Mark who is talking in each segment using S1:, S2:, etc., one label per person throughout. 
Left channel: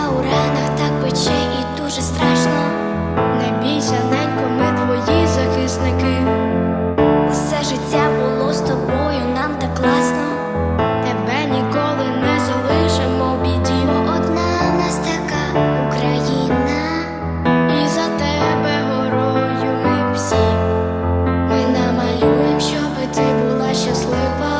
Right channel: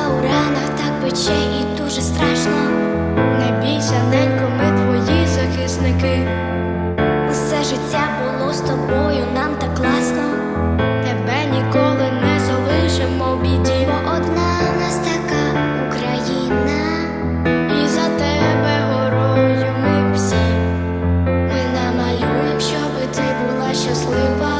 S1: Ти у ранах так пече і дуже страшно.
S2: Не бійся, ненько, ми твої захисники.
S1: Усе життя було з тобою, нам так класно.
S2: Тебе ніколи не залишимо в біді.
S1: Бо одна в нас така Україна.
S2: І за тебе горою ми всі.
S1: Ми намалюємо, щоби ти була щаслива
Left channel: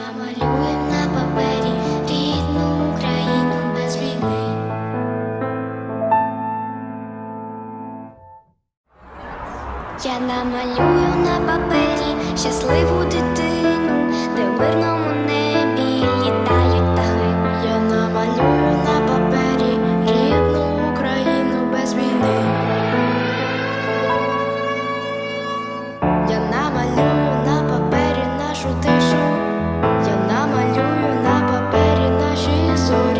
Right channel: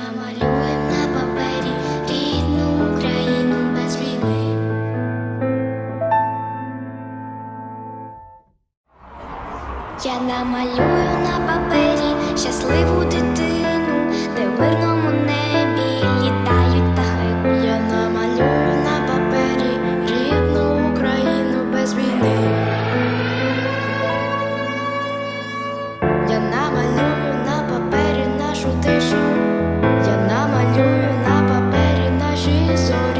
S1: Ми намалюємо на папері рідну Україну без війни. Я намалюю на папері щасливу дитину, де в мирному небі літають птахи.
S2: Я намалюю на папері рідну Україну без війни. Я намалюю на папері нашу тишу. Я намалюю на папері наші зорі.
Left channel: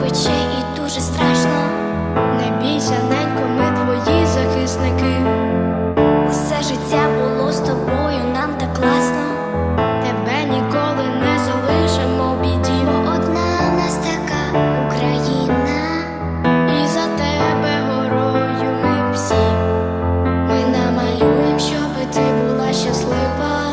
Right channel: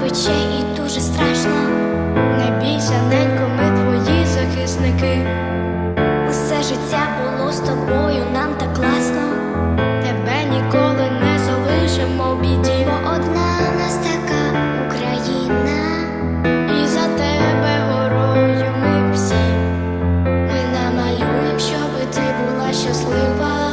S1: Пече і дуже страшно.
S2: Не бійся, ненько, ми твої захисники.
S1: Усе життя було з тобою, нам так класно.
S2: Тебе ніколи не залишимо в біді.
S1: Бо одна в нас така Україна.
S2: І за тебе горою ми всі.
S1: Ми намалюємо, щоби ти була щаслива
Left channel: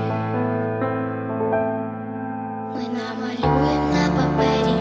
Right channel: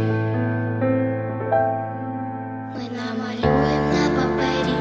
S1: малюєм на папері.